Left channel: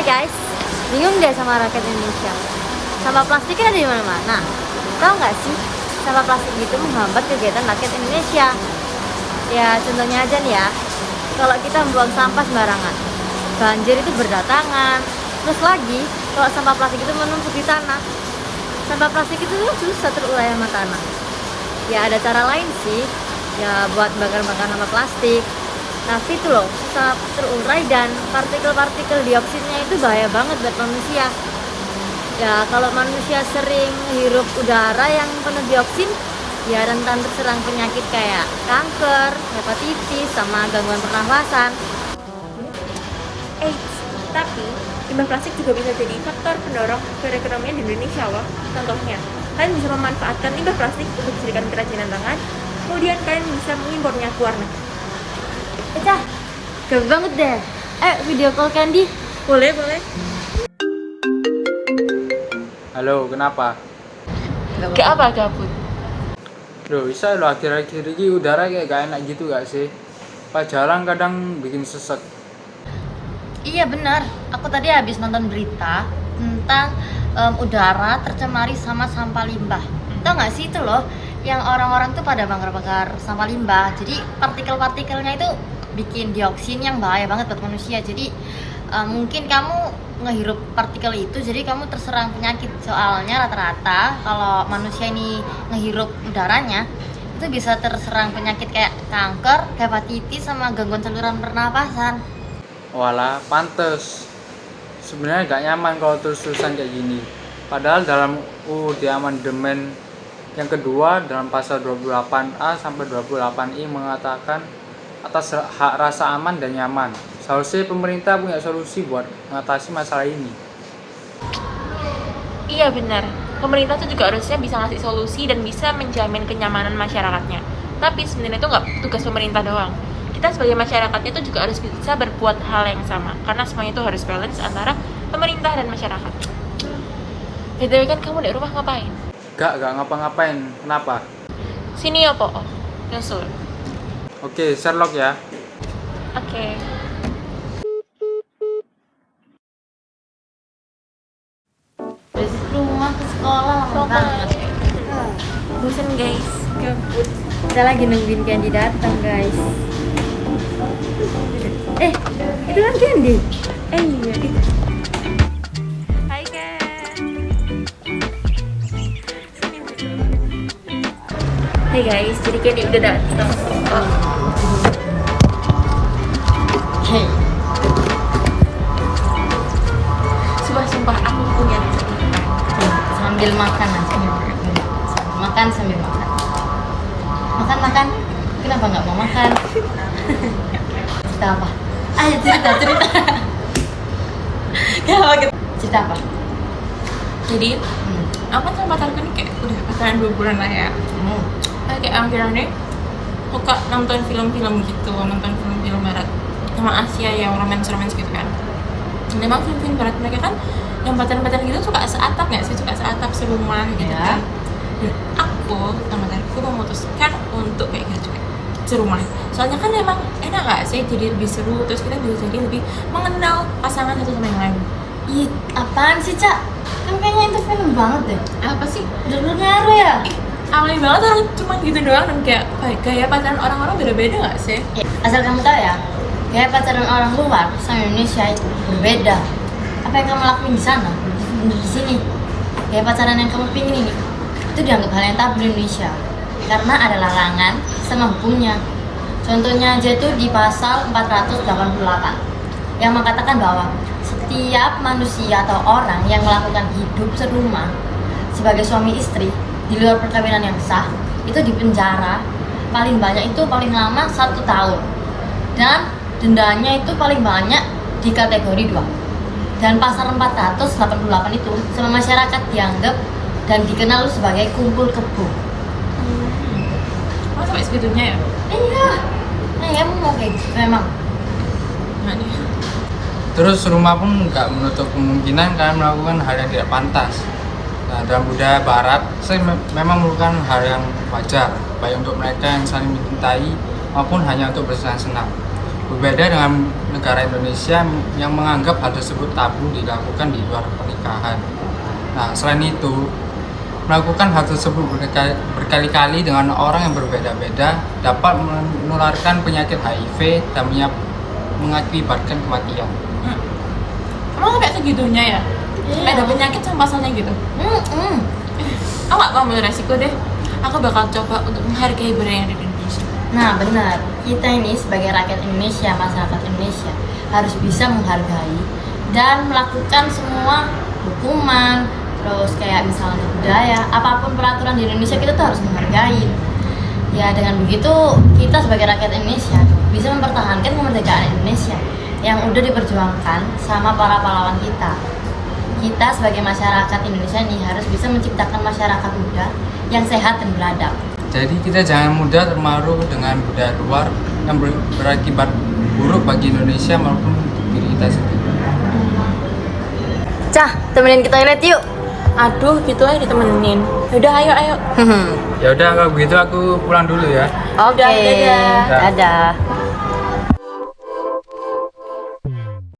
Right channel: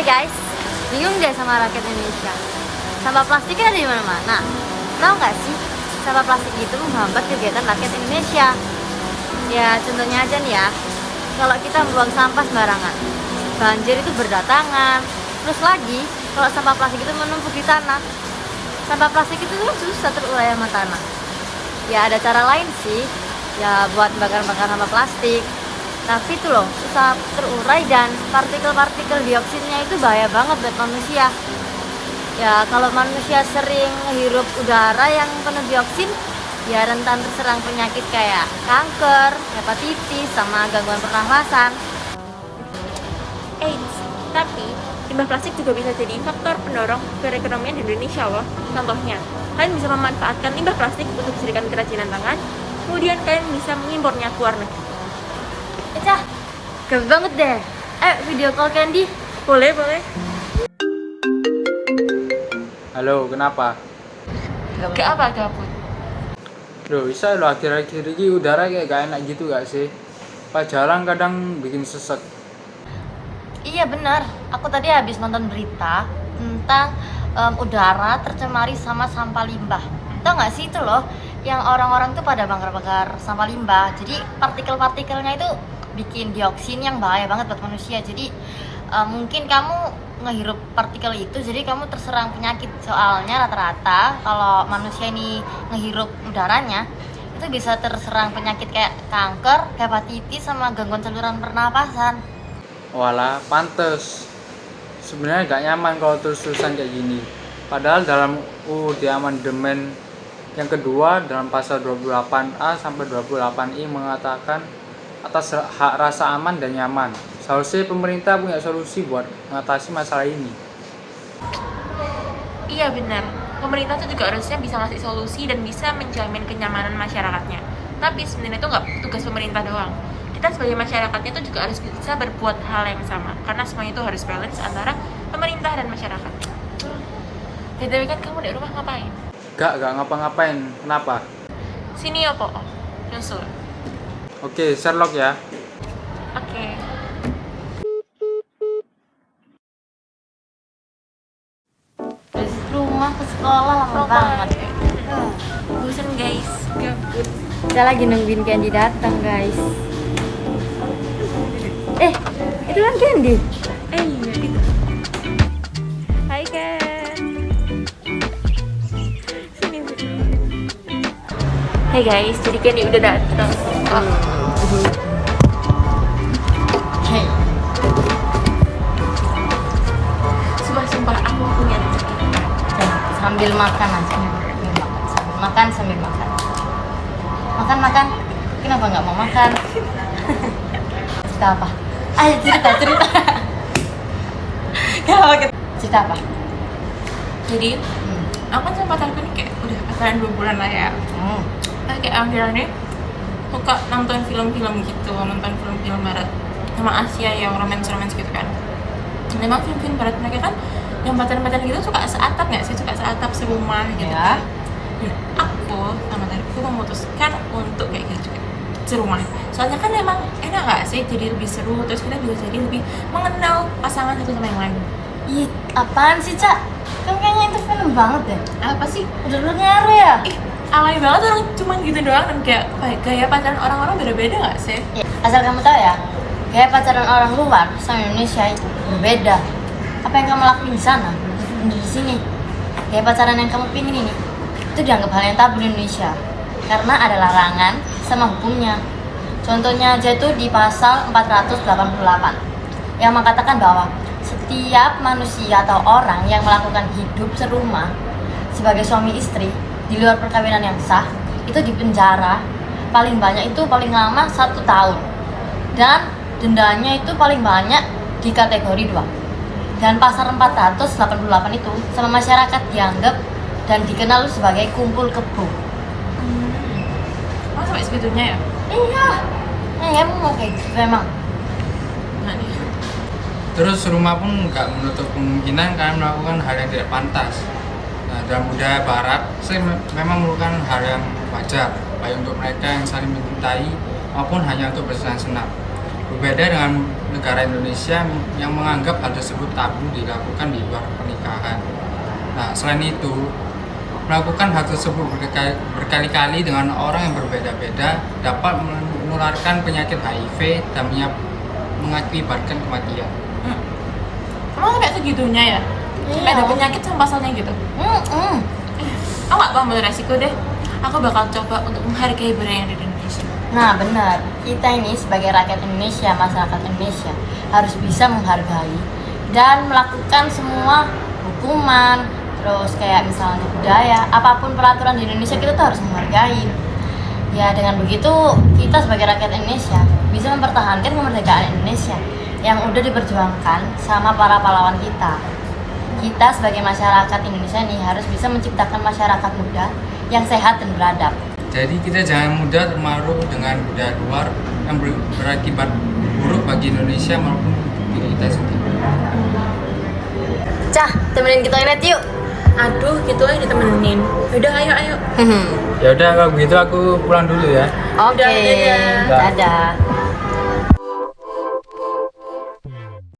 Hai guys, bingung deh sama rakyat Indonesia. Sampah plastik kan ada di mana-mana. Tahu nggak sih, sampah plastik itu menghambat kegiatan rakyat Indonesia. Ya contohnya aja nih ya, kalau kita membuang sampah sembarangan, banjir itu berdatangan. Terus lagi, kalau sampah plastik itu menumpuk di tanah, sampah plastik itu susah terurai sama tanah. Ya ada cara lain sih, ya buat bakar-bakar sampah plastik. Tapi itu loh, susah terurai dan partikel-partikel dioksinnya itu bahaya banget buat manusia. Ya kalau manusia sering hirup udara yang penuh dioksin, ya rentan terserang penyakit kayak kanker, hepatitis, sama gangguan pernafasan. Tapi limbah plastik juga bisa jadi faktor pendorong perekonomian di Indonesia loh. Contohnya, kalian bisa memanfaatkan limbah plastik untuk dijadikan kerajinan tangan, kemudian kalian bisa mengimpornya ke luar negeri. Gabut banget deh. Video call Candy. Boleh. Halo, kenapa? Gak apa gabut. Loh, bisa lo akhir-akhir ini udara kayak gak enak gitu gak sih? Pak jarang kadang bikin sesek. Iya benar. Aku tadi habis nonton berita tentang udara tercemari sama sampah limbah. Tahu nggak sih itu loh, yang orang-orang tuh pada bakar-bakar sampah limbah. Jadi partikel-partikelnya itu bikin dioksin yang bahaya banget buat manusia. Jadi mungkin kamu ngehirup partikel itu, jadi kamu terserang penyakit. Soalnya rata-rata kalau manusia ini ngehirup udaranya itu bisa terserang penyakit kayak kanker, hepatitis, sama gangguan saluran pernapasan. Walah, pantes. Sebenarnya gak nyaman kalau terus-terusan kayak gini. Padahal dalam UUD amandemen yang kedua dalam pasal 28A sampai 28I mengatakan atas hak rasa aman dan nyaman. Seharusnya pemerintah punya solusi buat mengatasi masalah ini. Iya benar. Pemerintah tuh juga harusnya bisa ngasih solusi dan bisa menjamin kenyamanan masyarakatnya. Tapi sebenarnya itu nggak tugas pemerintah doang. Kita sebagai masyarakatnya itu juga harus bisa berbuat hal yang sama. Karena semuanya itu harus balance antara pemerintah dan masyarakat. BTW kan kamu di rumah ngapain? Gak ngapa-ngapain. Kenapa? Sini ya, Po. Nyusul. Oke, Sherlock ya. Oke. Dari rumah ke sekolah lama banget. Bosan guys, gabut. Kita lagi nungguin Candy datang guys. Itu kan Candy. Iya itu. Hai Ken. Sini. Hey guys, jadi Candy udah datang. Hey. Sumpah aku punya Sambil makan nanti. Sambil makan. Makan. Kenapa nggak mau makan? Cerita apa? Ayo cerita. Cerita apa? Jadi, aku kan sama pacarku ini kayak udah pacaran 2 bulan lah ya. Kayak akhirnya suka nonton film-film gitu, nonton film-film barat sama Asia yang romance gitu kan. Dan emang film-film barat mereka kan yang pacaran gitu suka seatap nggak sih, suka seatap serumah gitu Ya. kan. Dan aku sama pacarku memutuskan untuk kayak gitu juga serumah. Soalnya kan emang enak nggak sih, jadi lebih seru, terus kita bisa jadi lebih mengenal pasangan satu sama yang lain. Ih, apaan sih, Cak? Kan kayaknya itu film banget ya. Apa sih? Udah lu ngaruh ya? Alay banget orang cuma gitu doang, dan kayak gaya pacaran orang-orang beda-beda nggak sih? Ya, asal kamu tahu ya, gaya pacaran orang luar sama Indonesia itu berbeda. Apa yang kamu lakuin di sana, di sini. Gaya pacaran yang kamu pilih ini, itu dianggap hal yang tabu di Indonesia. Karena ada larangan sama hukumnya. Contohnya aja itu di pasal 488 yang mengatakan bahwa setiap manusia atau orang yang melakukan hidup serumah sebagai suami istri di luar perkawinan yang sah itu dipenjara paling lama 1 tahun, dan dendanya itu paling banyak di kategori 2. Dan pasal 488 itu sama masyarakat dianggap dan dikenal sebagai kumpul kebo. Oh sampai segitunya ya? Iya, kamu mau kayak gitu memang. Nah nih. Terus rumah pun gak menutup kemungkinan kalian melakukan hal yang tidak pantas. Nah, dalam budaya barat, saya memang merupakan hal yang wajar, baik untuk mereka yang saling mencintai maupun hanya untuk bersenang-senang. Berbeda dengan negara Indonesia yang menganggap hal tersebut tabu dilakukan di luar pernikahan. Nah, selain itu, melakukan hal tersebut berkali-kali dengan orang yang berbeda-beda dapat menularkan penyakit HIV dan mengakibatkan kematian. Emang sampai segitunya ya? Sampai ada penyakit sama pasalnya gitu? Aku gak mau ambil resiko deh. Aku bakal coba untuk menghargai budaya yang ada di Indonesia. Nah benar, kita ini sebagai rakyat Indonesia, masyarakat Indonesia harus bisa menghargai dan melakukan semua hukuman, terus kayak misalnya budaya, apapun peraturan di Indonesia kita tuh harus menghargai. Ya dengan begitu kita sebagai rakyat Indonesia bisa mempertahankan kemerdekaan Indonesia yang udah diperjuangkan sama para pahlawan kita. Kita sebagai masyarakat Indonesia ini harus bisa menciptakan masyarakat muda yang sehat dan beradab. Jadi kita jangan mudah terpengaruh dengan budaya luar yang berakibat buruk bagi Indonesia maupun diri kita sendiri. Cah, temenin ke toilet yuk. Aduh, gitu aja ditemenin. Udah, ayo. Ya udah kalau begitu aku pulang dulu ya. Oke. Dadah. Dah. Dadah.